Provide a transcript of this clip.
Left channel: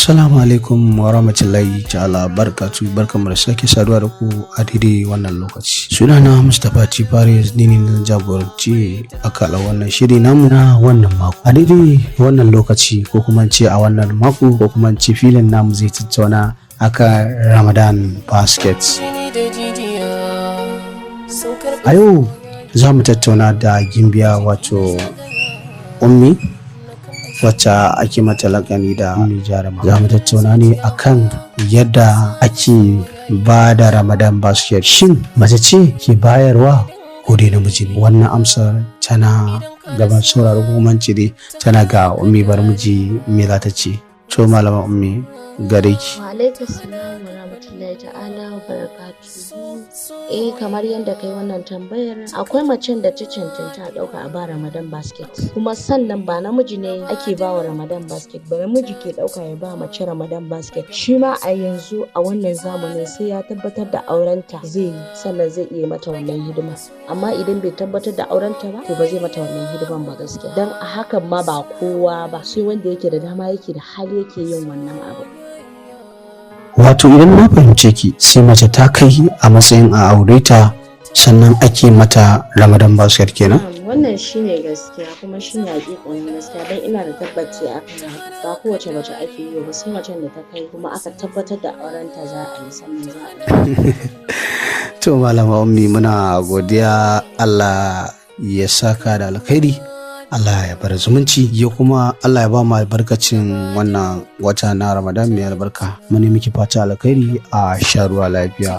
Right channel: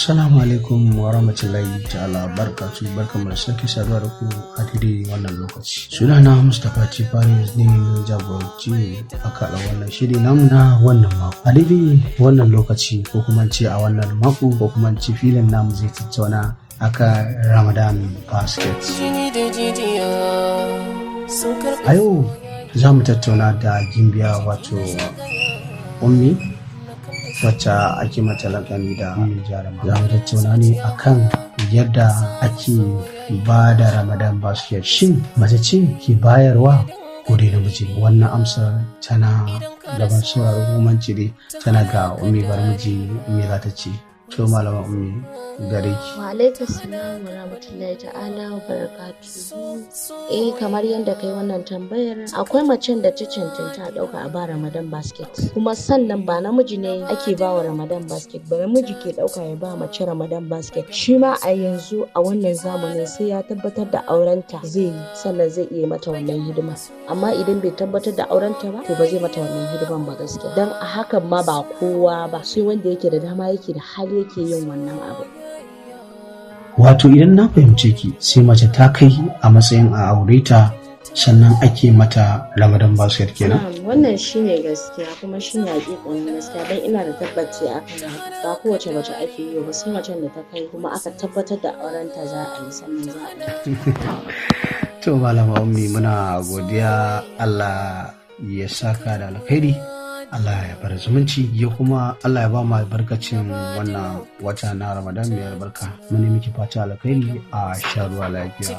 Assalamu alaikum wa rahmatullahi ta'ala barkatu barkamu da sake saduwa da ku a daidai wannan lokaci. Sunana Mustapha T. Faris, ni ne na jagoranci akala wannan shiri namu na wannan mako. A daidai wannan lokaci ko kuma ce a wannan mako ko kuma ce filin namu zai tattauna aka Ramadan Basket. A yau za mu tattauna da gimbiya wato Ummi wacce ake mata lakani da Ummi Jaruma. Za mu tattauna ne akan yadda ake ba da Ramadan Basket. Shin mace ce ke bayarwa ko dai namiji? Wannan amsar tana gaban sauraro kuma dai tana ga Ummi Barmiji me za ta ce. To malama Ummi gare ki. Wa alaikum salam wa rahmatullahi ta'ala wa barakatuhu. Kamar yadda kai wannan tambayar, akwai macen da ta cancanta a ɗauka a ba Ramadan Basket. Kuma sannan ba namiji ne ake ba wa Ramadan Basket ba, namiji ke ɗauka ya ba mace Ramadan Basket. Shi ma a yanzu a wannan zamanin sai ya tabbatar da aurenta zai yi, sannan zai iya mata wannan hidima. Amma idan bai tabbatar da aurenta ba, to ba zai mata wannan hidiman ba gaskiya. Dan a hakan ma ba kowa ba, sai wanda yake da dama yake da hali yake yin wannan abu. Wato idan na fahimce ki, sai mace ta kai a matsayin a aure ta sannan ake mata Ramadan Basket kenan? Wannan shine gaskiya kuma shine hakikanin gaskiya, dan ina da tabbaci akan haka. Ba kowace mace ake yi ba, sai macen da ta kai kuma aka tabbatar da aurenta za a yi sannan za a yi. To malama Ummi muna godiya, Allah ya saka da alkhairi, Allah ya bar zumunci, ya kuma Allah ya ba mu albarkacin wannan wata na Ramadan mai albarka. Muni miki fata alkhairi, a sha ruwa lafiya.